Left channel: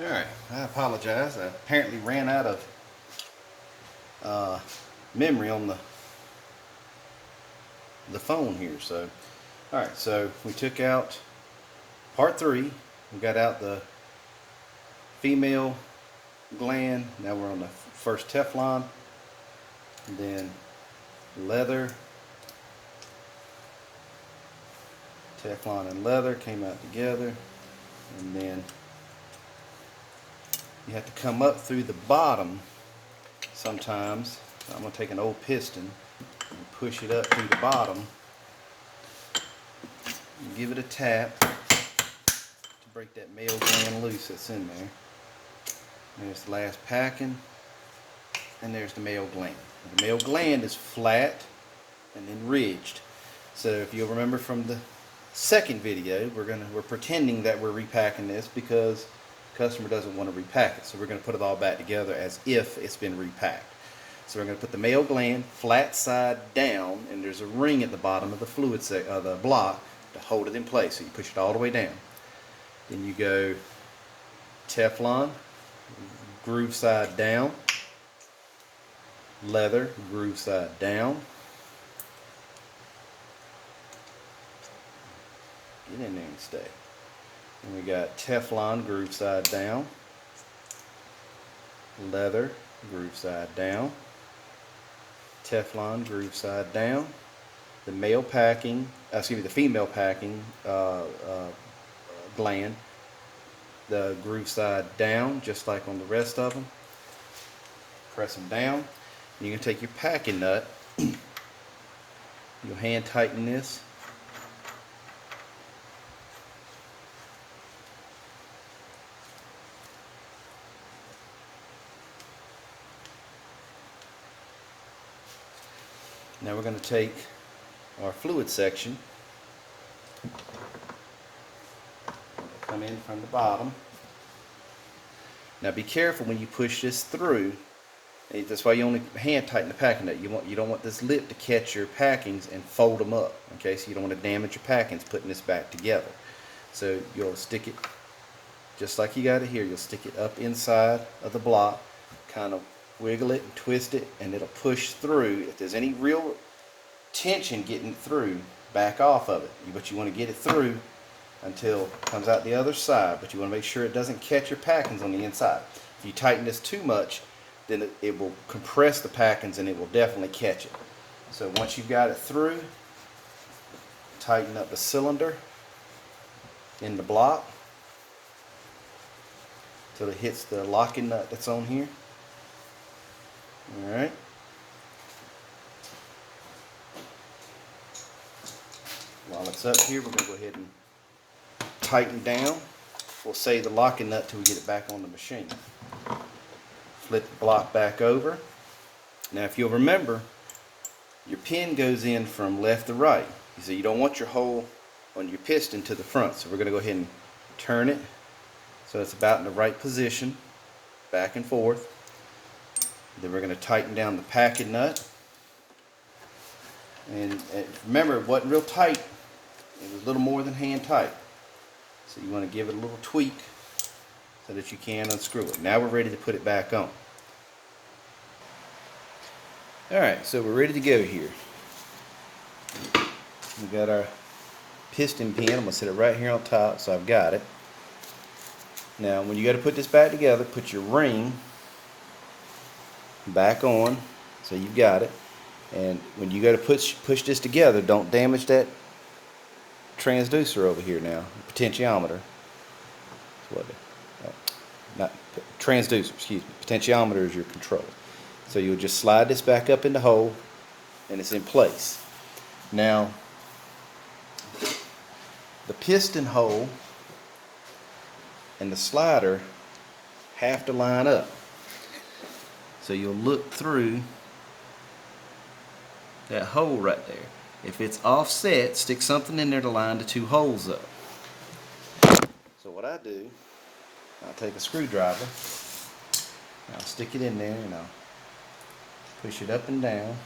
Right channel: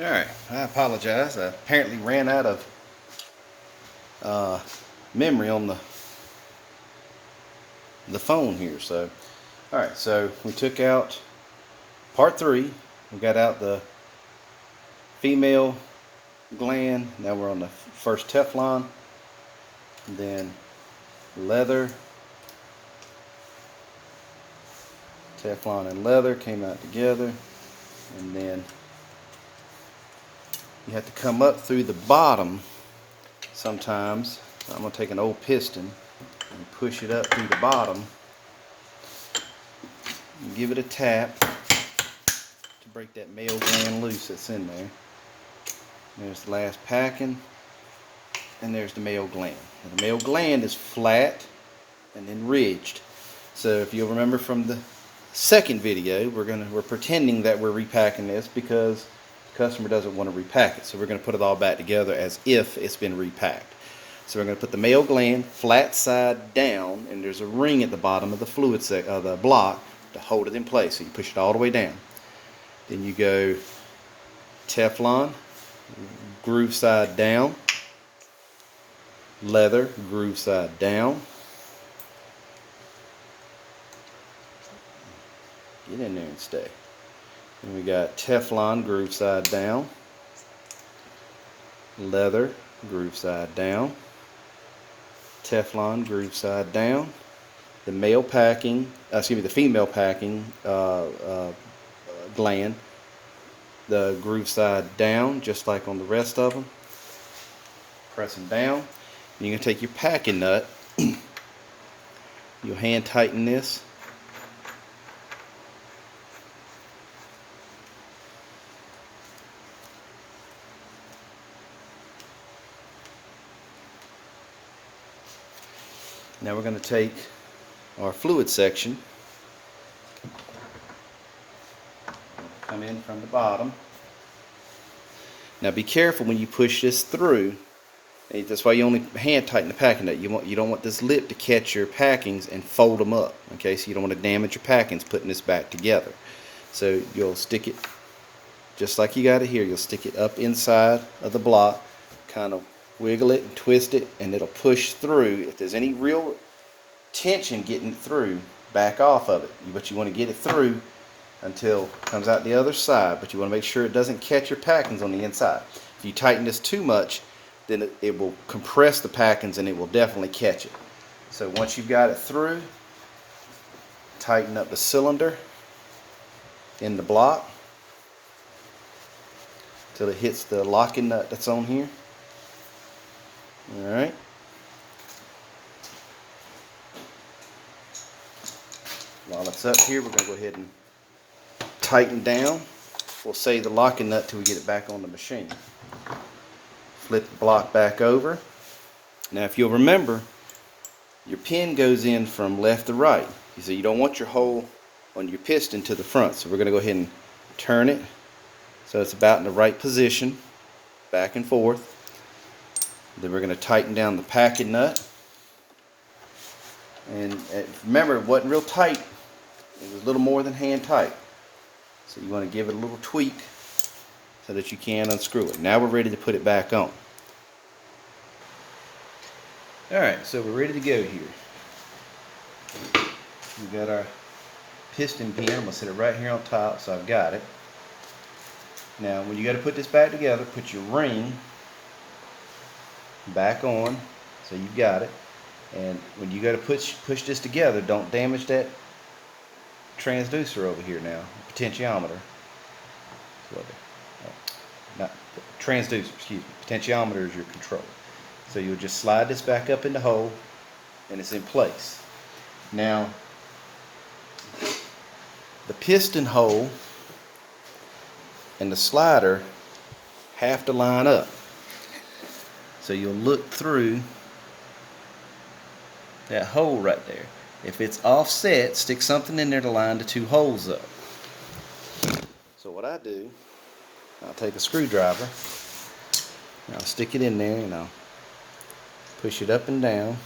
Alright, I apologize. I apparently ran out of memory on the phone here. So, alright, so we took out part 3. We got out the female gland. Now we're on the first Teflon. And then leather. Teflon and leather came out together. And then you have to come up through the bottom sometimes. I'm going to take an old piston and push it up through the bottom and give it a tap to break that male gland loose that's in there. There's the last packing, and there's the male gland. Now, the male gland is flat and then ridged. So if you'll remember from the second video, we're pretending that we're repacking this because customer doesn't want to repack it, so we're going to put it all back together as if it's been repacked. So we're going to put the male gland flat side down, and there's a ring at the bottom of the the block to hold it in place. So you push it all the way down. Then you go Teflon, groove side down, leather, groove side down. Get in there and stay. And we got Teflon, groove side down, leather, groove side down, Teflon, groove side down, the the female packing gland, the groove side down, just like on the rest of them. Press them down. You can take your packing nut, you'll hand tighten this. Now we're going to take our fluid section, come in from the bottom. Now be careful when you push this through. That's why you only hand tighten the packing nut. You don't want this lip to catch your packings and fold them up. Okay, so you don't want to damage your packings putting this back together. So you'll stick it just like you got it here. You'll stick it up inside of the block, kind of wiggle it and twist it, and it'll push through. If there's any real tension getting through, back off of it. But you want to get it through until it comes out the other side, but you want to make sure it doesn't catch your packings on the inside. If you tighten this too much, then it will compress the packings and it will definitely catch it. So once you've got it through, tighten up the cylinder in the block till it hits the locking nut that's on here. Alright. While it's up here, we're going to go ahead and tighten down. We'll save the locking nut till we get it back on the machine. Flip the block back over. Now if you'll remember, your pin goes in from left to right. So you don't want your hole on your piston to the front. So we're going to go ahead and turn it so it's about in the right position, back and forth. Then we're going to tighten down the packing nut. And remember, it wasn't real tight. It was a little more than hand tight. So you want to give it a little tweak so that you can unscrew it. Now we're ready to put it back on. Alright, so we're ready to go here. We've got our piston pin. I'm going to set it right here on top, so I've got it. Now when you got to put this back together, put your ring back on, so you've got it. And when you go to push this together, don't damage that transducer over here now, potentiometer. Not transducer, excuse me. Potentiometer is your controller. So you'll just slide this back up in the hole, and it's in place. Now, the piston hole and the slider have to line up. So you'll look through that hole right there. If it's offset, stick something in there to line the two holes up. So what I do, I'll take a screwdriver, and I'll stick it in there, and I'll push it up and down.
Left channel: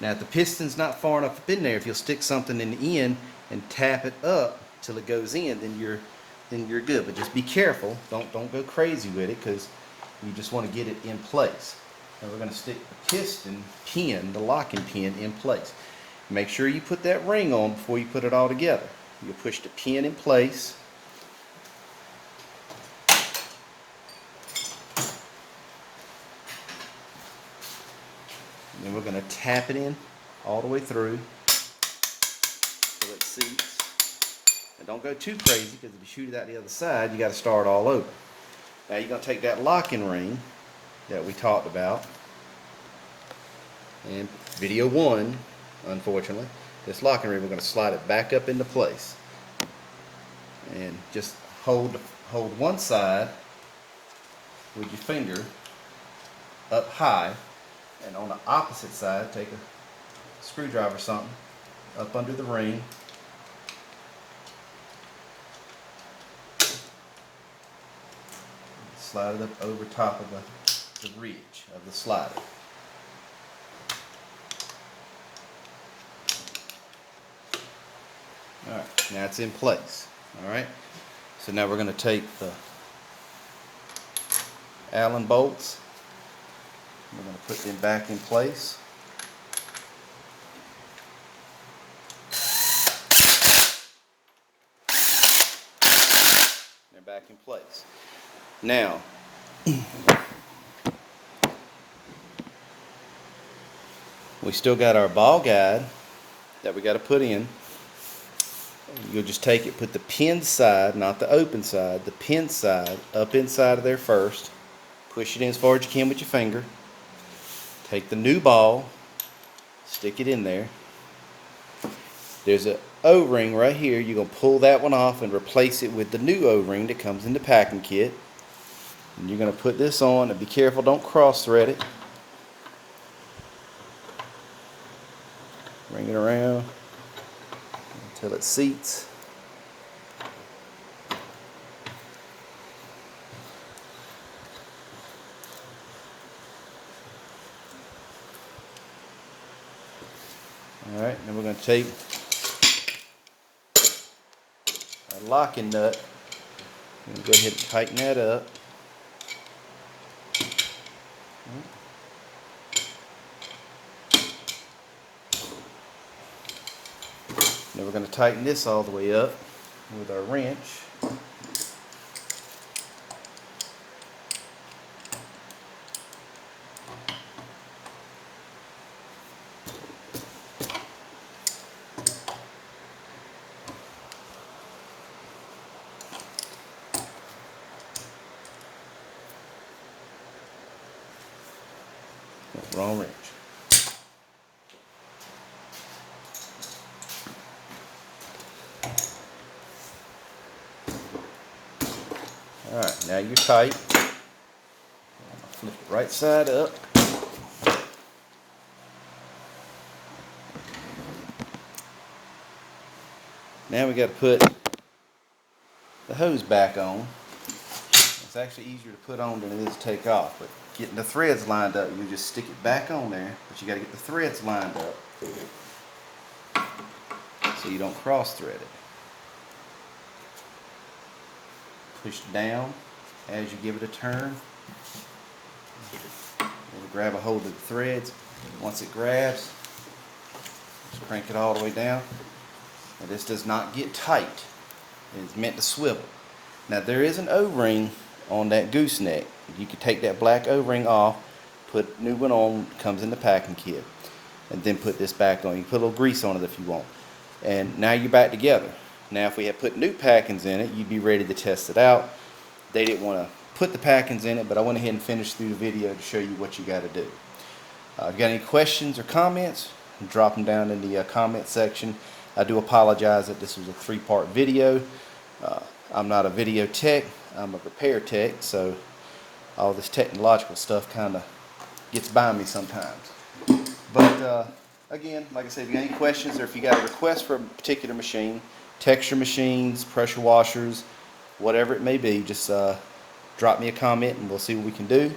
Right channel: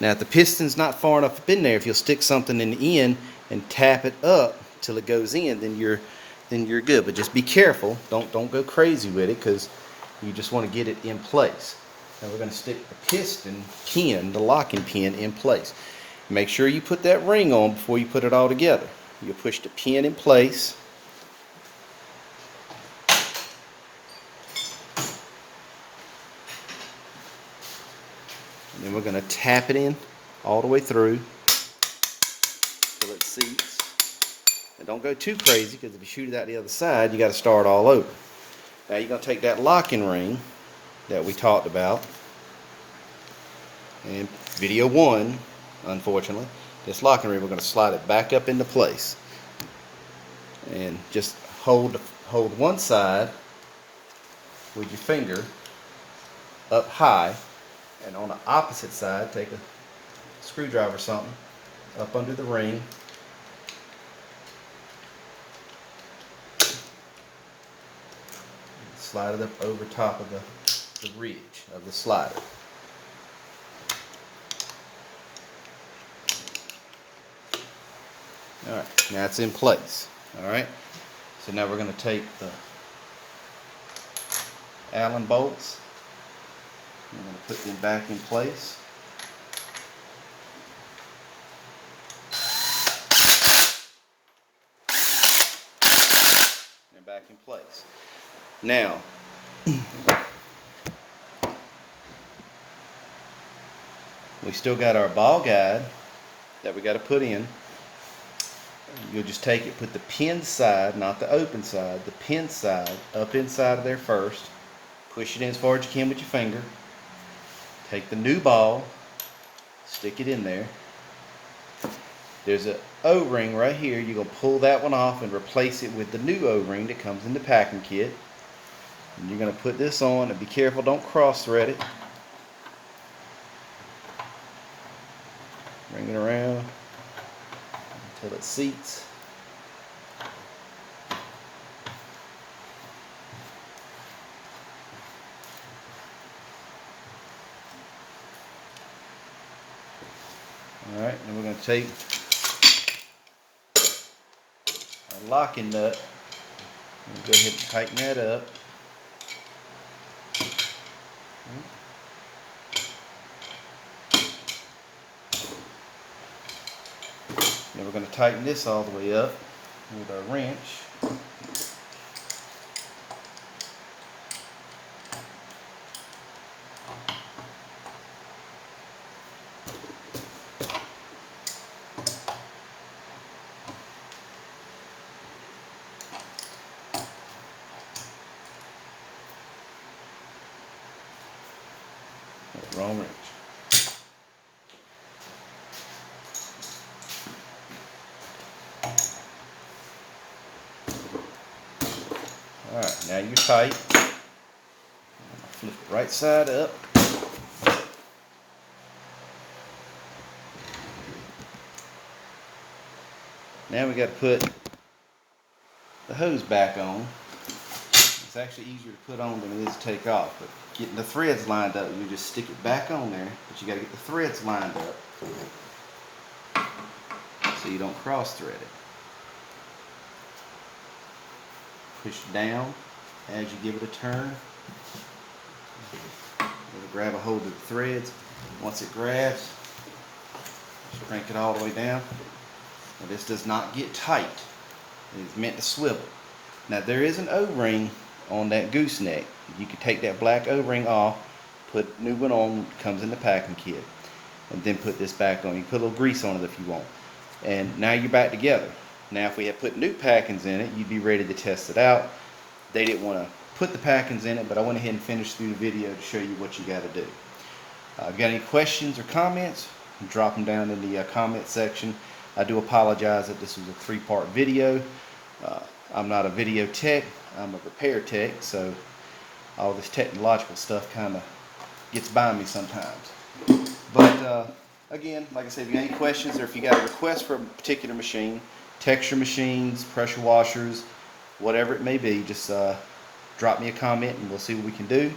Now if the piston's not far enough up in there, if you'll stick something in the end and tap it up till it goes in, then your then you're good. But just be careful. Don't go crazy with it, because you just want to get it in place. And we're going to stick the piston pin, the locking pin, in place. Make sure you put that ring on before you put it all together. You'll push the pin in place. And then we're going to tap it in all the way through till it seats. And don't go too crazy, because if you shoot it out the other side, you got to start all over. Now you're going to take that locking ring that we talked about in video 1, unfortunately. This locking ring, we're going to slide it back up into place. And just hold one side with your finger up high, and on the opposite side, take a screwdriver or something up under the ring. Slide it up over top of the ridge of the slider. Alright, now it's in place. Alright, so now we're going to take the Allen bolts. We're going to put them back in place. They're back in place. Now, we still got our ball guide that we got to put in. You'll just take it, put the pin side, not the open side, the pin side up inside of there first. Push it in as far as you can with your finger. Take the new ball, stick it in there. There's an O-ring right here. You're going to pull that one off and replace it with the new O-ring that comes in the packing kit. And you're going to put this on, and be careful, don't cross thread it. Bring it around until it seats. Alright, then we're going to take our locking nut and go ahead and tighten that up. Then we're going to tighten this all the way up with our wrench. Wrong wrench. Alright, now you're tight. Flip it right side up. Now we got to put the hose back on. It's actually easier to put on than it is to take off. But getting the threads lined up, you just stick it back on there, but you got to get the threads lined up so you don't cross thread it. Push down as you give it a turn. It'll grab a hold of the threads. Once it grabs, just crank it all the way down. Now this does not get tight. It is meant to swivel. Now there is an O-ring on that gooseneck. You can take that black O-ring off, put a new one on, comes in the packing kit, and then put this back on. You can put a little grease on it if you want. And now you're back together. Now if we had put new packings in it, you'd be ready to test it out. They didn't want to put the packings in it, but I went ahead and finished through the video to show you what you got to do. Got any questions or comments? Drop them down in the comment section. I do apologize that this was a 3-part video. I'm not a video tech, I'm a repair tech, so all this technological stuff kind of gets by me sometimes. But again, like I said, if you have any questions or if you got a request for a particular machine, texture machines, pressure washers, whatever it may be, just drop me a comment and we'll see what we can do.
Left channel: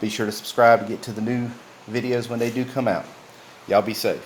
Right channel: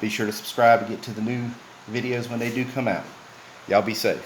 Be sure to subscribe to get to the new videos when they do come out. Y'all be safe.